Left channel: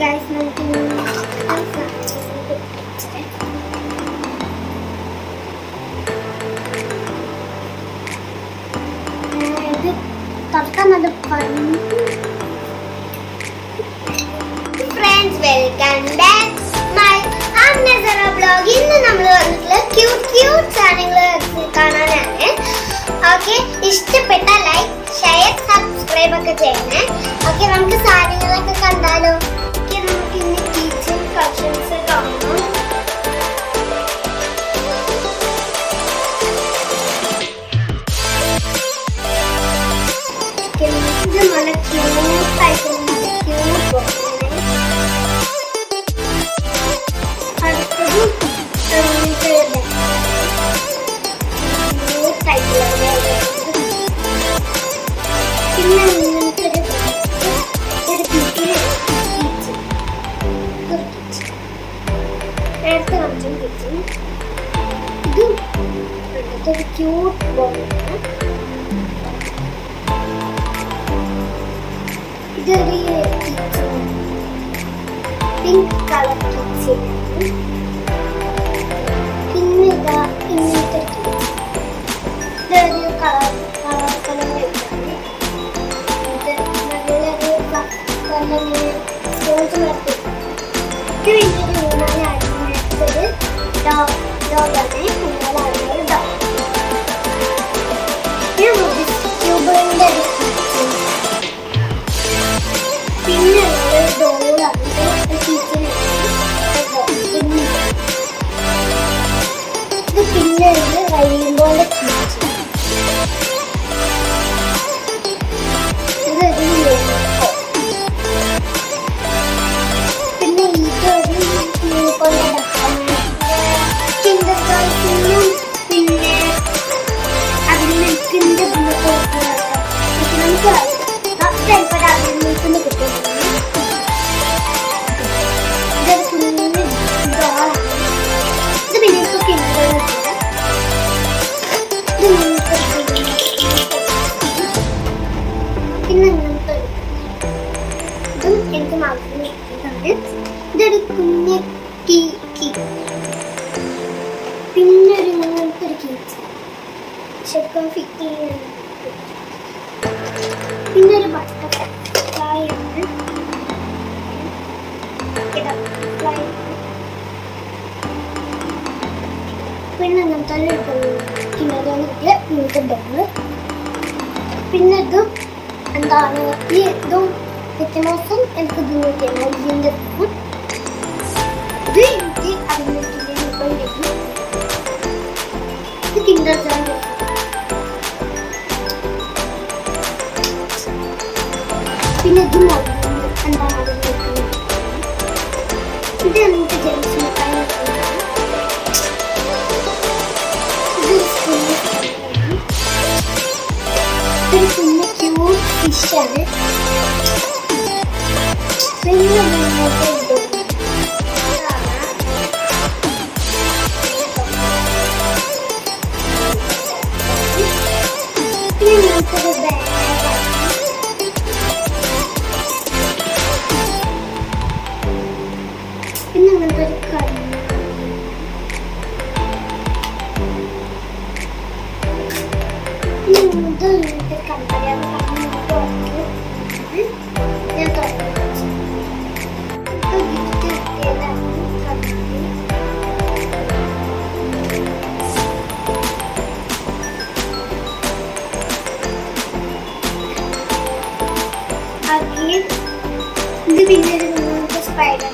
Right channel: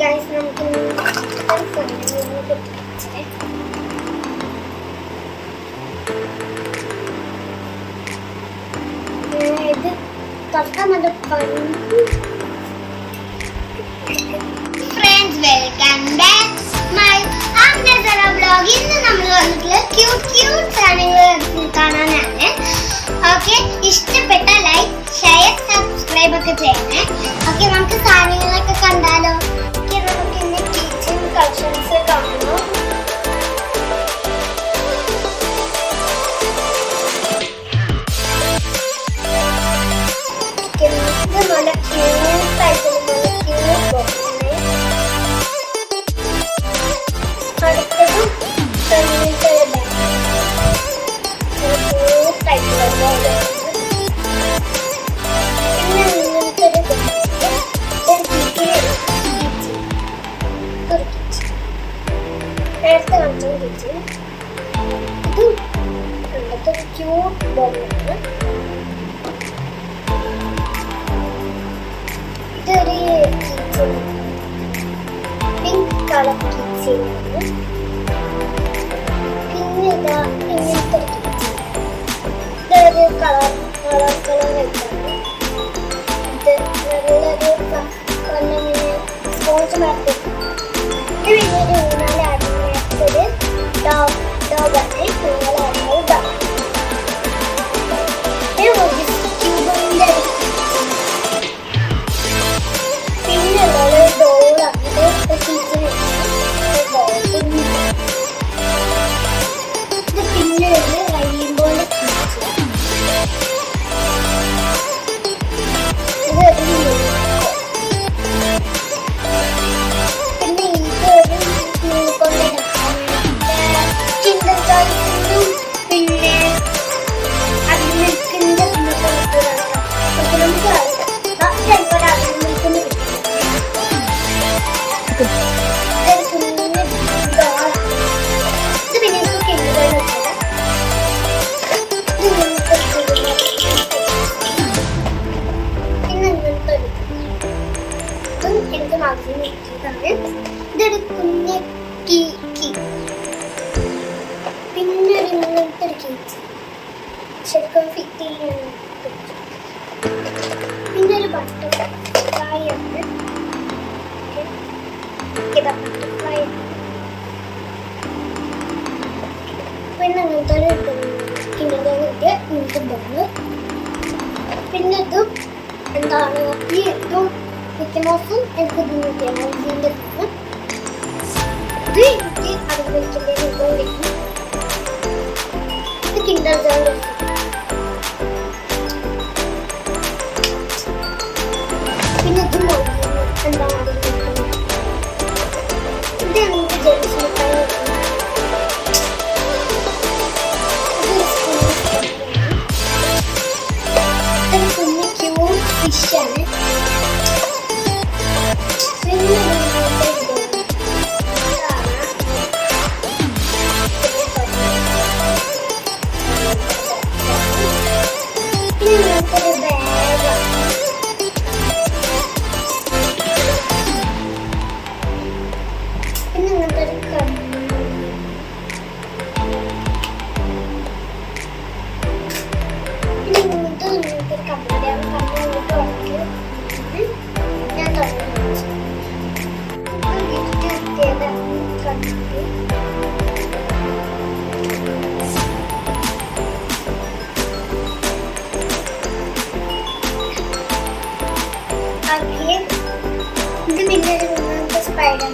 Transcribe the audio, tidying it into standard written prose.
Guys നമുക്ക് ഇത് തുറക്കാൻ നല്ല ഫ്രണ്ട്സ് വെൽക്കം ബാക്ക് മൈ അമ്നസറ ബ്ലോഗ്. ഇന്ന് നമ്മൾ വന്നിട്ടുള്ള ക്യൂട്ട് സാധനങ്ങൾ കാണാനാണ്. ഓക്കെ, ഇഷ്ടപ്പെട്ട ലൈക്ക് ഷെയർ സബ്സ്ക്രൈബ് ഒക്കെ ചെയ്യണേ. ഓക്കെ, നമുക്ക് സാധനങ്ങളൊക്കെ കണ്ടാലോ. നമുക്ക് ഇന്ന് കിച്ചൺ കളക്ഷൻസ് കാണണം. ഇത് നല്ല ക്യൂട്ടായിട്ടുള്ള നല്ല ക്യൂട്ട് ബോക്സാണ്. അടുത്തതും ക്യൂട്ടായിട്ടുള്ള ബാഗ്. പിന്നെ ഇങ്ങനത്തെ ഒരു നേരത്തെ കാണിച്ചു കിച്ചൺ. ഇതും അടുത്ത ഒരു ക്യൂട്ട് ബോക്സാണ്. ഇതൊരു കിച്ചൺ, പിങ്ക് കളർ കിച്ചണാണ്. പിന്നെ ഇതാ ഇങ്ങനത്തെ ഇതൊരു കളർ വെച്ചാണ്. ഇത് നല്ലൊരു നല്ലിങ്ങനെ സ്പോഞ്ച് മാറ്റി. ഇത് പിന്നെ ഒരു ഊന്നാലാടുന്നൊരു ഡോഗാണ്. ഊന്നാലാടുന്നത് ഡോഗ്. ട്യൂബിൻ്റെ പിന്നെ ഉള്ളത് ഡോളാണ്. കിച്ചൺ ഇത് പിന്നെ ഉണ്ട് റെയിൻബോയുടെ കിച്ചൺ. പിന്നെ ഇതൊരു യൂണിക്കോണിന്റെ ഡബ്ബാണ്. പിന്നെ അതിൽ മിൽക്കിന്റെ നമുക്ക് ചിലപ്പോൾ അതിൽ മിൽക്കിന് കിട്ടും. ഇതൊരു കുഞ്ഞു ഡോളാണ്. ഇത് പിന്നെ കിണ്ടുകൾ പിന്നെ ഇങ്ങനത്തെ ഇതും എനിക്ക് മാത്രം ഇഷ്ടമാണ്. ഇതൊരു കുഞ്ഞ് കീ. പിന്നെ ഒരു ഇങ്ങനത്തെ ഒരു കീച്ച് ശരിക്കും ഫിറ്റ് ചെയ്യാൻ. പിന്നെ ഒരു ബട്ടർഫ്ലൈ ആണ്. ബട്ടർഫ്ലൈ പിന്നെ അങ്ങനത്തെ ഒരു കിണറാണ് ഇങ്ങനത്തെ ബോണ്. പിന്നെ ഇതും എന്താണ് ഈ ഇതും വ്യത്യാസം എനിക്ക് ഇത് കിട്ടിയാണ്. ഇതിൻ്റെ ഇത് എനിക്ക് അതിൻ്റെ കിട്ടും. ഇത് കിൻഡർ ജോയ്. പിന്നെ ഇത് എന്താണ് അതിൽ കിട്ടുന്നത്. ഇത് നമുക്ക് ജെയിംസ് മിഠായി. ഇതൊരു കുഞ്ഞ് ക്യൂട്ട് ഫിഷാണ്. പിന്നെ ഒരു ബാഗ്. പിന്നെ അങ്ങനത്തെ ഒരു കണ്ണ്. പിന്നെ ഇങ്ങനത്തെ കണ്ണടയാണ്. ഞാൻ തുടങ്ങി ഗിഫ്റ്റ് കിട്ടിയതാണ് കണ്ണാടി. ഇത് പിന്നെ ഒരു സ്പൈഡർ